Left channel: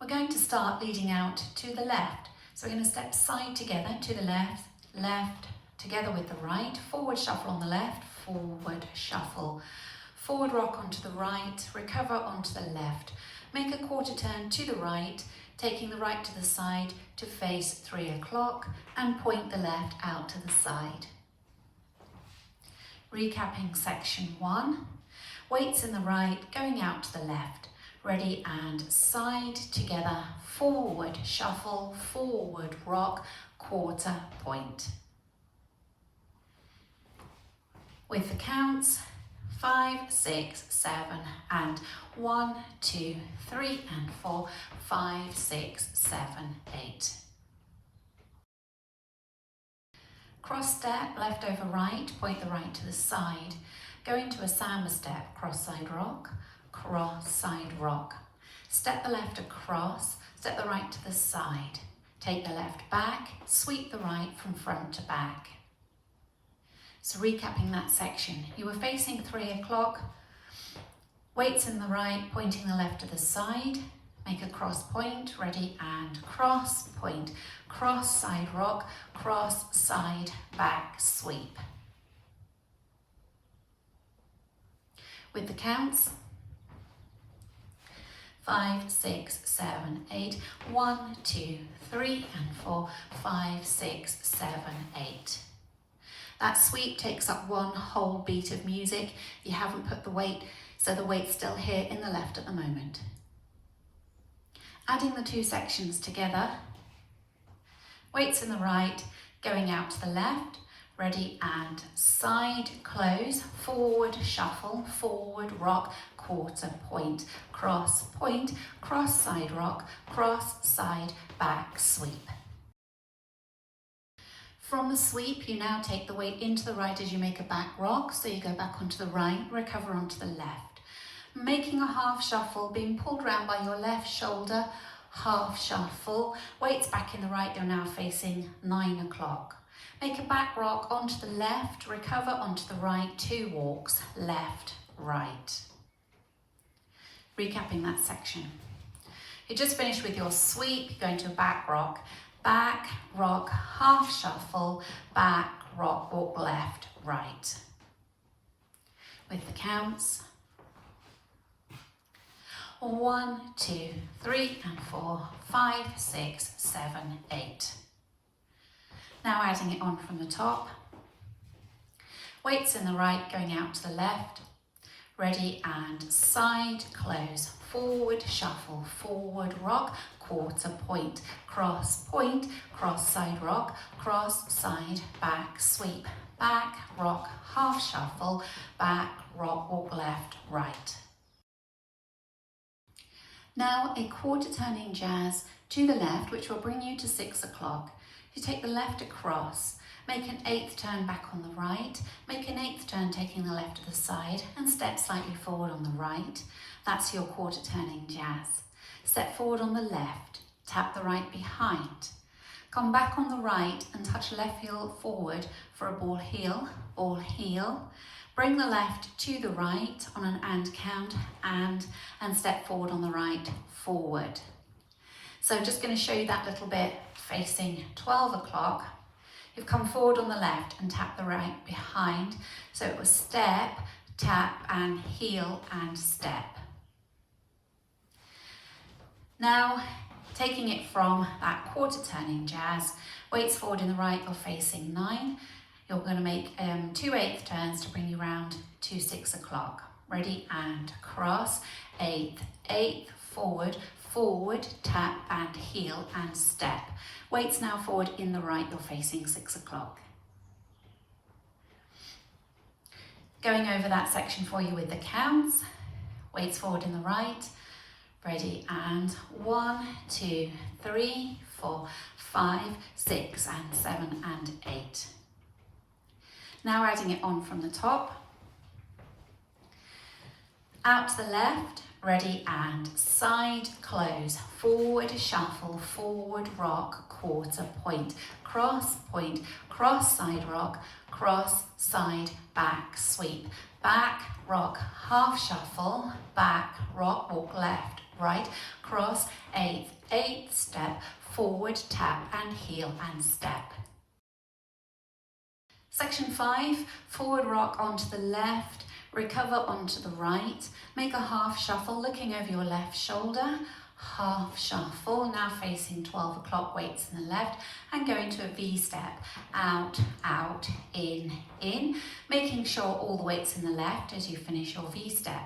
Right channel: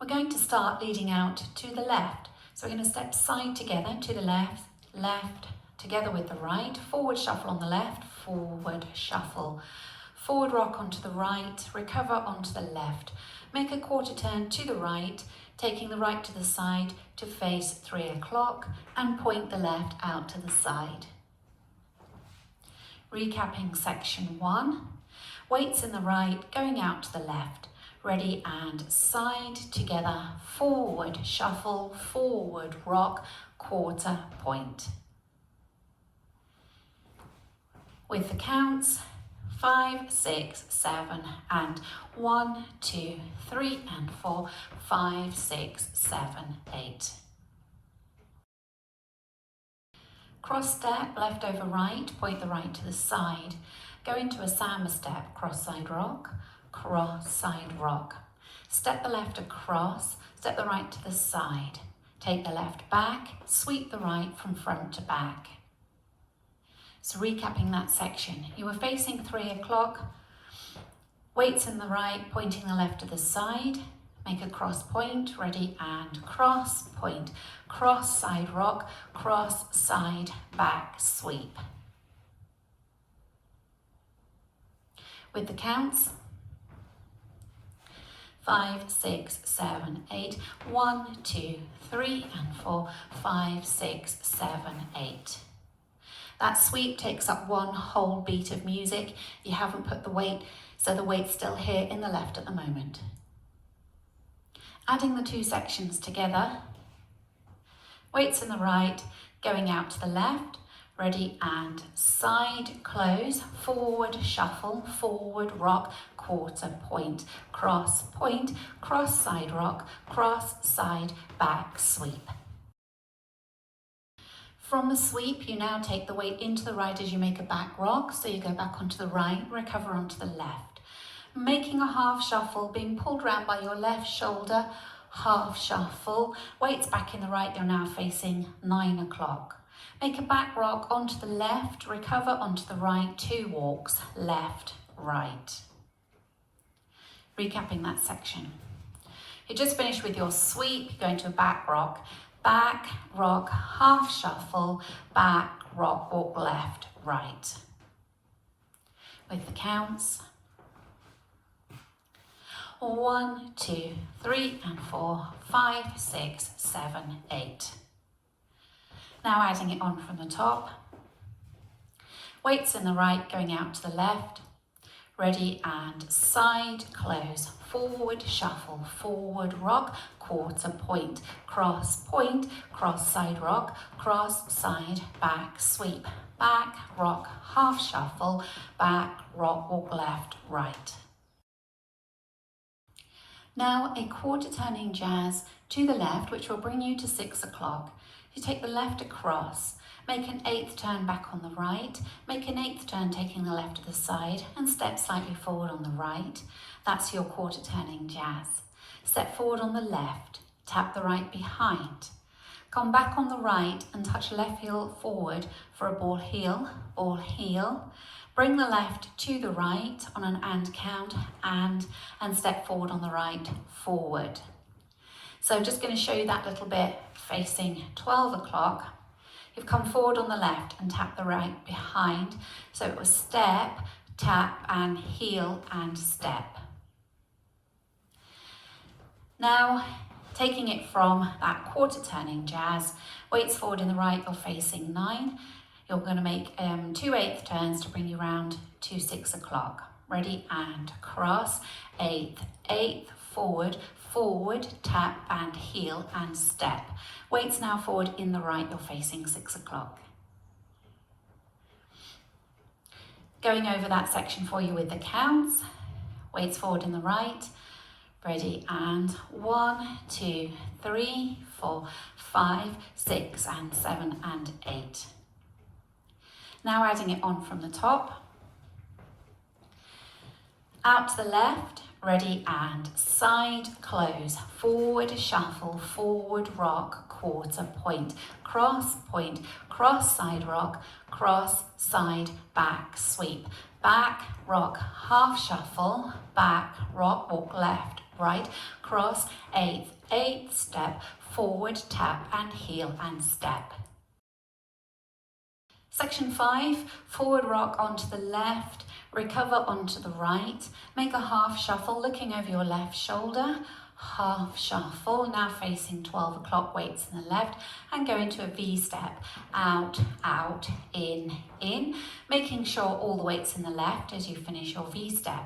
We're going to start leading out to the left. So we're going to step side together to the left, left, together with the right, forward shuffle on the left, forward shuffle, forward rock onto the right, recover onto the left. Make a quarter turn to the right, taking the right to the side to face 3 o'clock and point the left out to the side. Recapping section 1, weights in the right, going out to the left. Ready and side together, forward shuffle, forward rock, quarter point. With the counts, 5, 6, 7 and 1, 2, 3 and 4, 5, 6, 7, 8. Cross step, left over right, point the right to the side. Go into a samba step, cross side rock, cross side rock. Step the left across, step the right to the side. Take the left back, sweep the right from front to back. So recapping that section, you were facing 3 o'clock, weights in the right, pointing the left to the side, make a cross point, ready and cross point, cross side rock, cross side back sweep. With the counts, 5, 6, 7, 8, 1, 2, 3 and 4, 5, 6, 7, 8. That sweep takes up one whole beat of music. You haven't put the weight, so the weight's still here in the left at the moment. Adding the two sections together, weights in the right, going out to the left, ready and side close, forward shuffle, forward rock, quarter point, cross side rock, cross side back sweep. From the sweep, you now take the weight into the right as you make a back rock, so you go back onto the right, recover onto the left. Making a half shuffle, being pulled round by your left shoulder, half shuffle, weights back in the right, you're now facing 9 o'clock. Make a back rock onto the left, recover onto the right, 2 walks, left, right. Recapping that section. You just finished with your sweep, going to a back rock, half shuffle, back rock, walk left, right. With the counts, 1, 2, 3 and 4, 5, 6, 7, 8. Now adding it on from the top. Weights in the right, going out to the left. Ready and side close, forward shuffle, forward rock, quarter point, cross side rock, cross side back sweep, back rock, half shuffle, back rock, walk left, right. Now a quarter turning jazz to the left, which will bring you to 6 o'clock. You take the left across, make an 8th turn back on the right, make an 8th turn taking the left to the side and step slightly forward on the right. That's your quarter turning jazz. Step forward on the left, tap the right behind. Come back on the right and touch left heel forward for a ball heel. Bring the left to the right on an and count and step forward on the right, forward. So I'm just going to show you that little bit facing 12 o'clock. You've come forward on the left and tap the right behind. So it was step, tap and heel and step. Now taking it from that quarter turning jazz, weights forward in the right, you're facing 9. You're going to make 2 8th turns to bring you round to 6 o'clock. Ready and cross, 8th, forward, tap and heel and step. Weights now forward in the right, you're facing 6 o'clock. Going over that section for you with the counts, weights forward in the right, ready and 1, 2, 3, 4, 5, 6 and 7 and 8. Now adding it on from the top. Out to the left, ready and side close, forward shuffle, forward rock, quarter point, cross side rock, cross side back sweep, back rock, half shuffle, back rock, walk left, right, cross, eighth step, forward, tap and heel and step. Section 5, forward rock onto the left, recover onto the right, make a half shuffle looking over your left shoulder, half shuffle, now facing 12 o'clock, weights in the left, and go into a V step, out, out, in, making sure all the weights in the left as you finish your V step.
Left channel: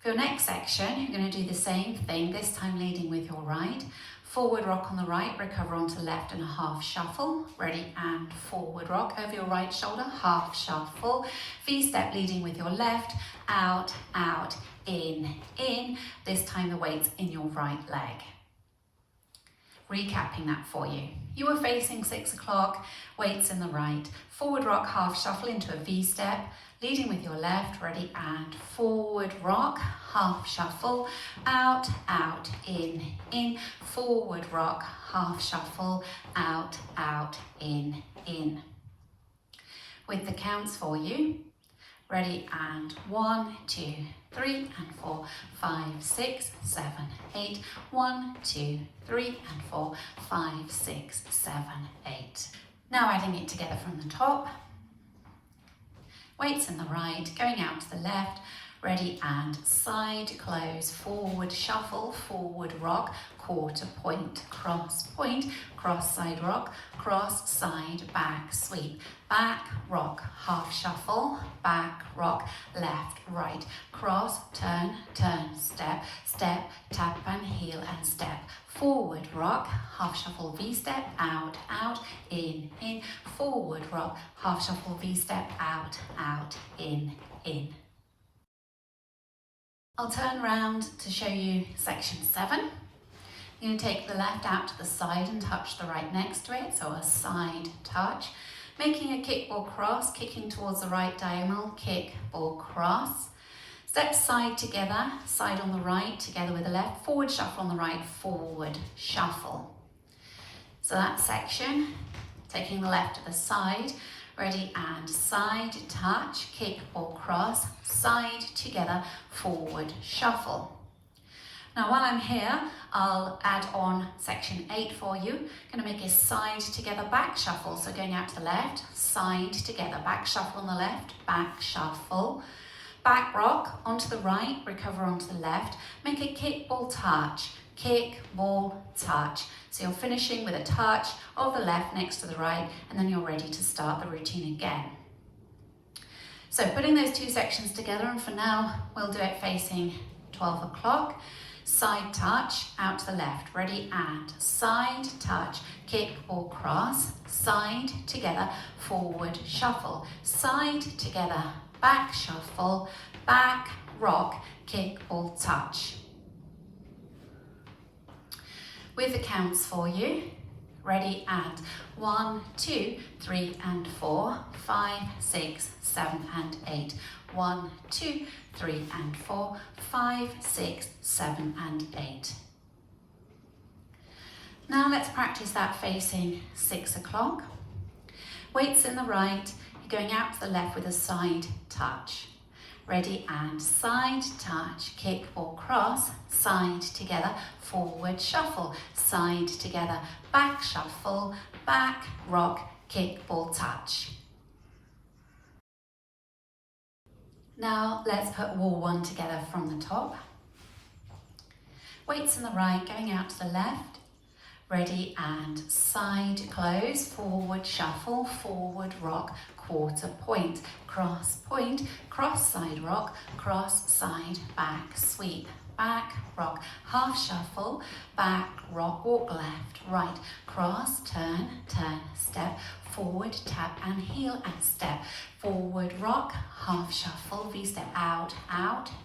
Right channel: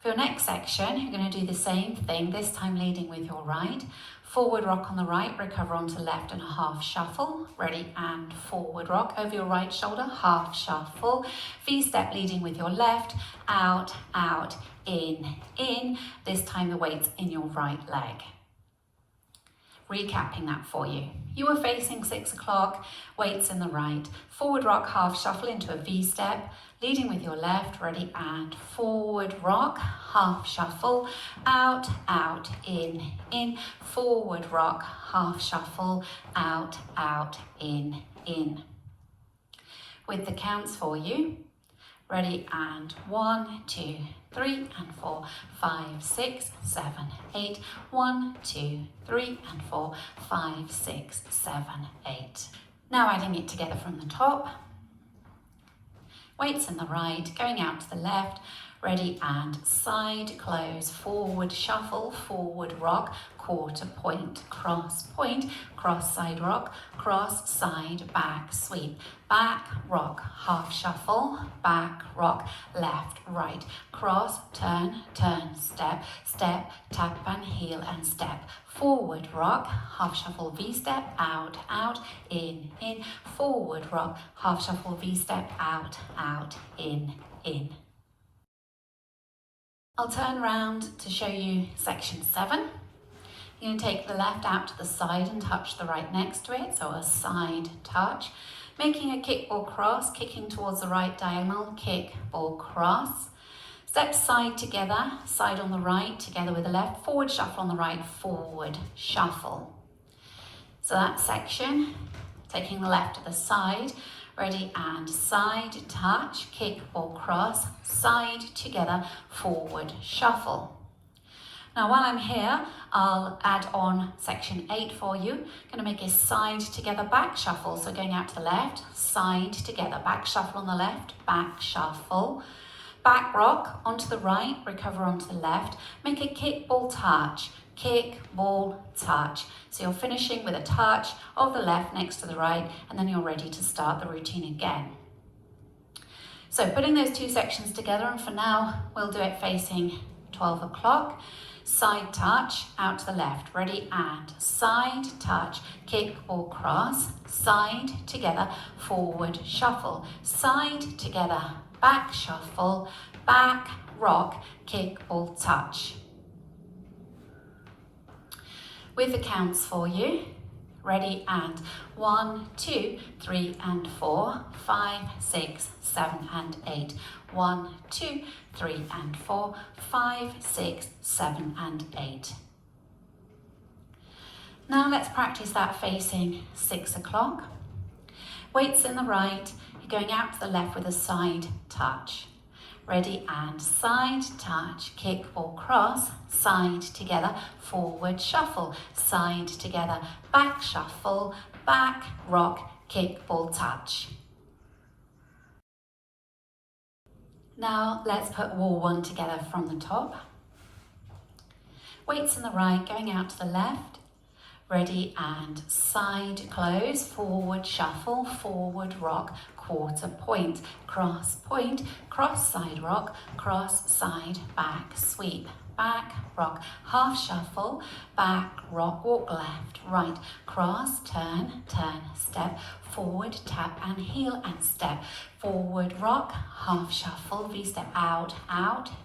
For your next section, you're going to do the same thing, this time leading with your right. Forward rock on the right, recover onto the left and a half shuffle. Ready, and forward rock over your right shoulder, half shuffle. V step leading with your left, out, out, in. This time the weight's in your right leg. Recapping that for you. You were facing 6 o'clock, weights in the right. Forward rock, half shuffle into a V step. Leading with your left, ready, and forward rock, half shuffle, out, out, in, forward rock, half shuffle, out, out, in. With the counts for you, ready, and 1, 2, 3, and 4, 5, 6, 7, 8, 1, 2, 3, and 4, 5, 6, 7, 8. Now adding it together from the top. Weights in the right, going out to the left, ready, and side close, forward shuffle, forward rock, quarter point, cross, side rock, cross, side, back, sweep, back, rock, half shuffle, back, rock, left, right, cross, turn, step, tap and heel and step, forward rock, half shuffle, V step, out, out, in, forward rock, half shuffle, V step, out, in. I'll turn round to show you section 7. You're going to take the left out to the side and touch the right next to it, so a side touch. Making a kickball cross, kicking towards the right diagonal, kickball cross. Step side together, side on the right, together with the left, forward shuffle on the right, forward shuffle. So that section, taking the left to the side, ready, and side touch, kickball cross, side together, forward shuffle. Now while I'm here, I'll add on section 8 for you. I'm going to make a side together back shuffle. So going out to the left, side together, back shuffle on the left, back shuffle. Back rock onto the right, recover onto the left. Make a kickball touch, kickball touch. So you're finishing with a touch of the left next to the right, and then you're ready to start the routine again. So putting those two sections together, and for now, we'll do it facing 12 o'clock. Side touch, out to the left, ready, and side touch, kickball cross, side together, forward shuffle, side together, back shuffle, back rock, kickball touch. With the counts for you, ready, and 1, 2, 3, and 4, 5, 6, 7, and 8. 1, 2, 3, and 4, 5, 6, 7, and 8. Now let's practice that facing 6 o'clock. Weights in the right, you're going out to the left with a side touch. Ready, and side touch, kickball cross, side together, forward shuffle, side together, back shuffle, back rock, kickball touch. Now let's put wall 1 together from the top. Weights in the right, going out to the left. Ready, and side close, forward shuffle, forward rock, quarter point, cross side rock, cross side, back sweep, back rock, half shuffle, back rock, walk left, right, cross, turn, step, forward, tap and heel and step, forward rock, half shuffle, V step, out,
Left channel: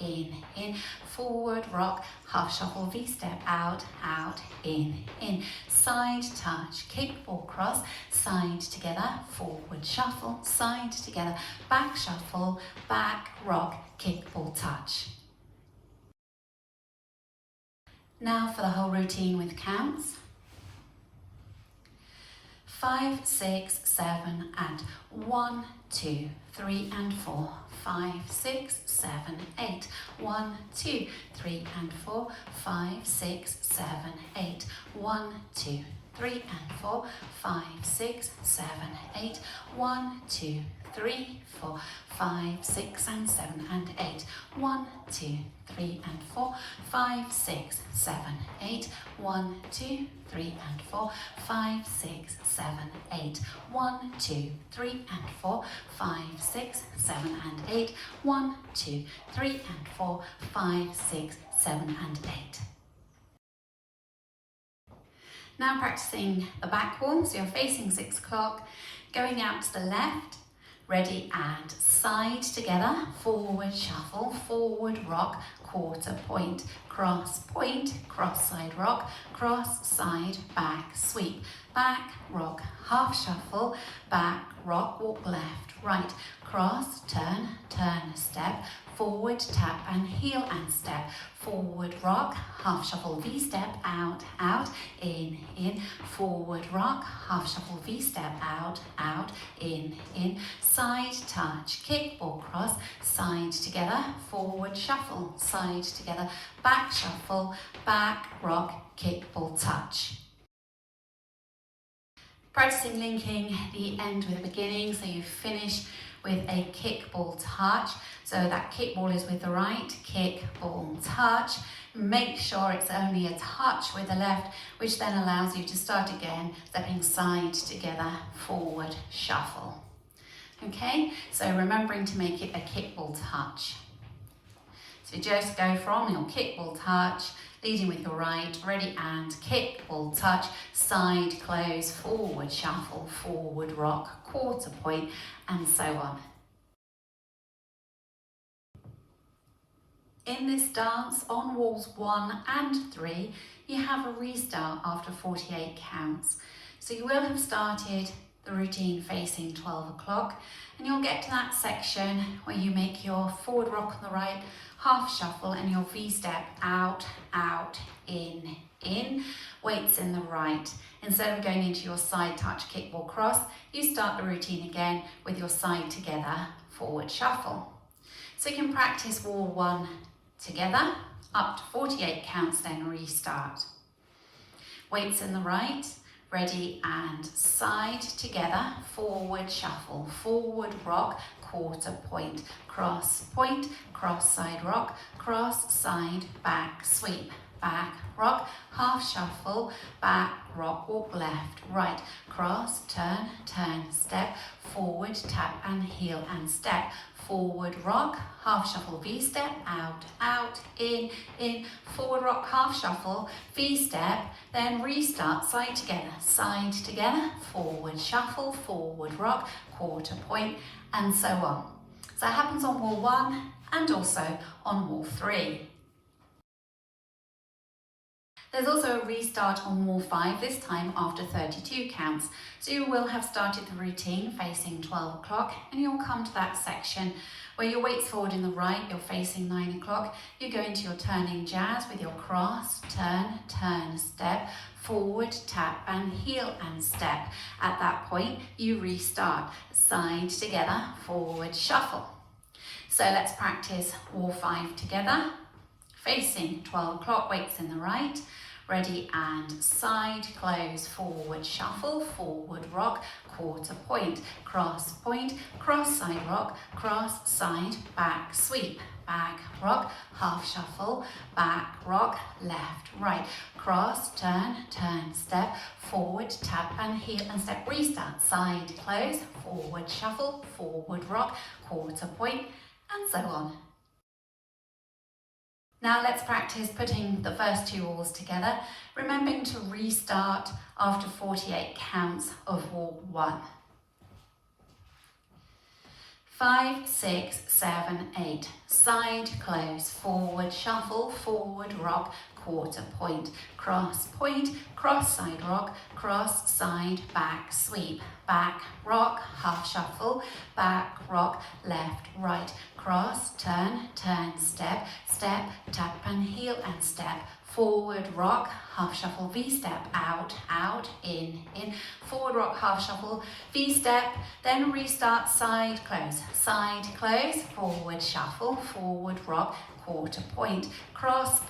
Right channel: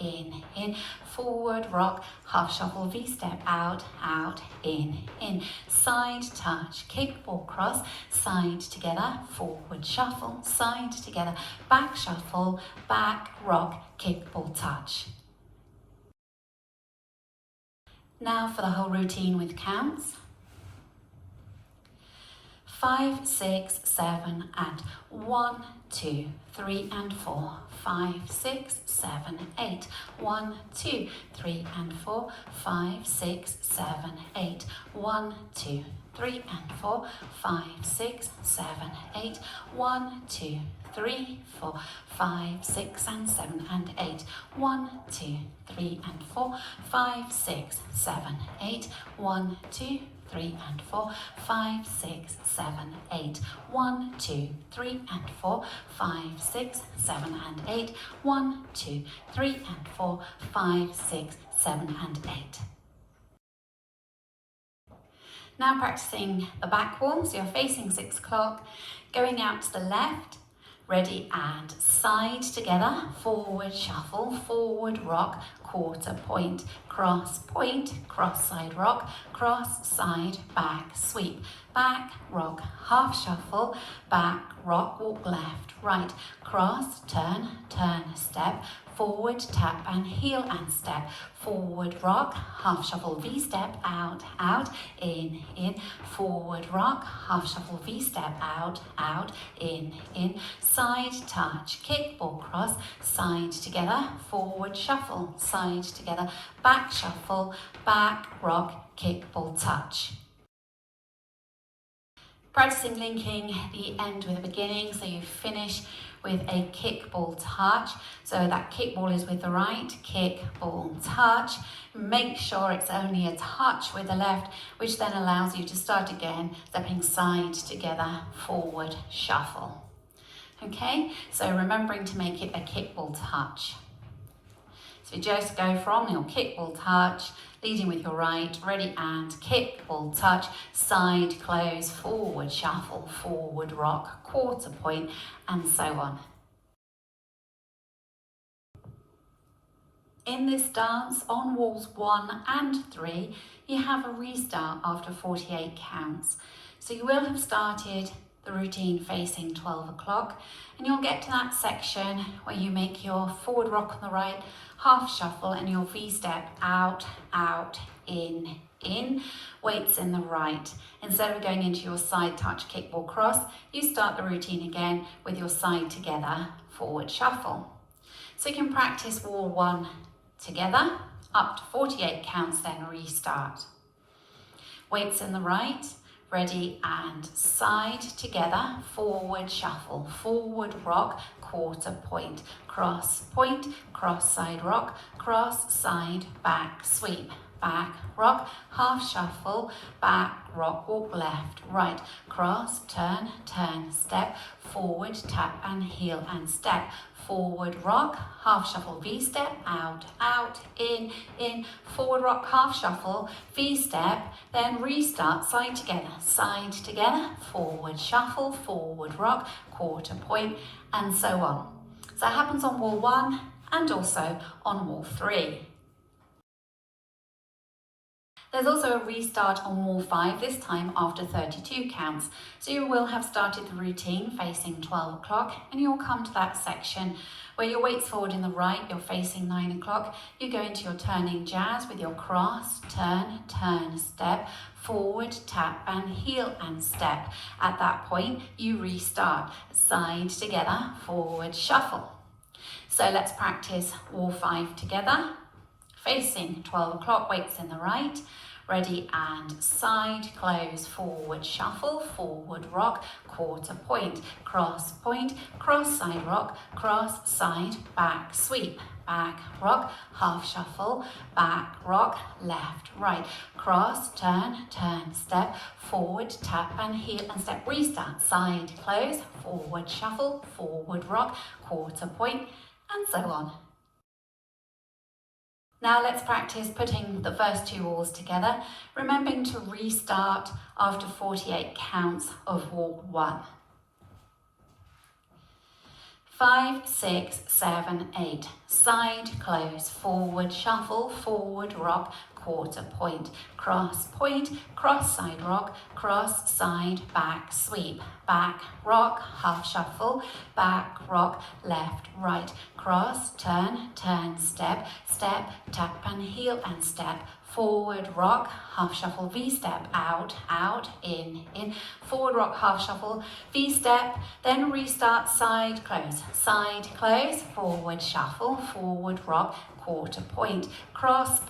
in, forward rock, half shuffle, V step, out, in, side touch, kickball cross, side together, forward shuffle, side together, back shuffle, back rock, kickball touch. Now for the whole routine with counts. 5, 6, 7, and 1, 2, 3, and 4, 5, 6, 7, 8. 1, 2, 3 and 4, 5, 6, 7, 8. 1, 2, 3 and 4, 5, 6, 7, 8. 1, 2, 3, 4, 5, 6 and 7 and 8. 1, 2, 3 and 4, 5, 6, 7, 8. 1, 2, 3 and 4, 5, 6, 7, 8. 1, 2, 3 and 4, 5, 6, 7 and 8. 1, 2, 3 and 4, 5, 6, 7 and 8. Now practicing the back wall, so you're facing 6 o'clock, going out to the left, ready and side together, forward shuffle, forward rock, quarter point, cross side rock, cross side back sweep, back rock, half shuffle, back rock, walk left, right, cross, turn, step, forward tap and heel and step, forward rock, half shuffle V step, out, in, forward rock, half shuffle V step, out, in, side touch, kick, ball cross, side together, forward shuffle, side together, back shuffle, back rock, kick, ball touch. Practicing linking the end with the beginning, so you finish with a kick ball touch. So that kick ball is with the right, kick ball touch. Make sure it's only a touch with the left, which then allows you to start again, stepping side together, forward shuffle. Okay, so remembering to make it a kick ball touch. So just go from your kick ball touch, leading with your right, ready and kick ball touch, side close, forward shuffle, forward rock, quarter point, and so on. In this dance, on walls 1 and 3, you have a restart after 48 counts. So you will have started the routine facing 12 o'clock, and you'll get to that section where you make your forward rock on the right, half shuffle, and your V-step out, in, weights in the right. Instead of going into your side touch kickball cross, you start the routine again with your side together, forward shuffle. So you can practice wall 1 together, up to 48 counts, then restart. Weights in the right, ready and side together, forward shuffle, forward rock, quarter point, cross side rock, cross side back sweep, back rock, half shuffle, back rock, walk left, right, cross, turn, step, forward tap and heel and step, forward rock, half shuffle, V-step, out, in, forward rock, half shuffle, V-step, then restart, side together, forward shuffle, forward rock, quarter point, and so on. So that happens on wall 1 and also on wall 3. There's also a restart on wall 5, this time after 32 counts. So you will have started the routine facing 12 o'clock, and you'll come to that section where your weight's forward in the right, you're facing 9 o'clock. You go into your turning jazz with your cross, turn, step, forward, tap and heel and step. At that point, you restart, side together, forward shuffle. So let's practice wall 5 together. Facing 12 o'clock, weights in the right, ready and side close, forward shuffle, forward rock, quarter point, cross side rock, cross side back sweep, back rock, half shuffle, back rock, left, right, cross, turn, step, forward, tap and heel and step, restart, side close, forward shuffle, forward rock, quarter point, and so on. Now let's practice putting the first 2 walls together, remembering to restart after 48 counts of wall 1. 5, 6, 7, 8. Side close, forward shuffle, forward rock, quarter point, cross side rock, cross side back sweep, back rock, half shuffle, back rock, left, right, cross, turn, step, tap and heel and step, forward rock, half shuffle, V-step, out, out, in, forward rock, half shuffle, V-step, then restart, side, close, forward shuffle, forward rock, quarter point, cross,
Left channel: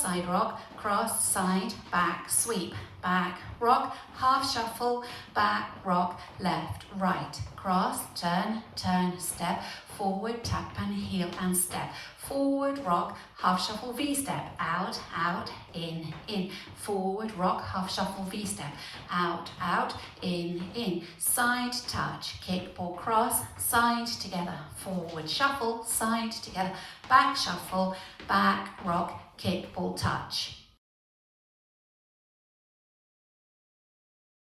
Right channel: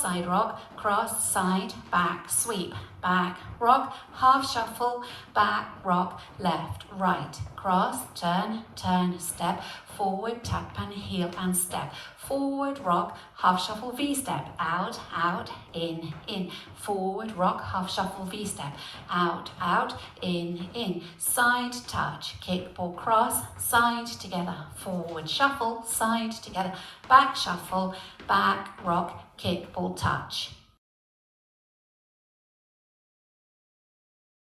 side rock, cross, side, back, sweep, back, rock, half shuffle, back, rock, left, right, cross, turn, step, forward, tap and heel and step, forward rock, half shuffle, V-step, out, out, in, forward rock, half shuffle, V-step, out, out, in, side touch, kick, ball, cross, side together, forward shuffle, side together, back shuffle, back rock, kick, ball, touch.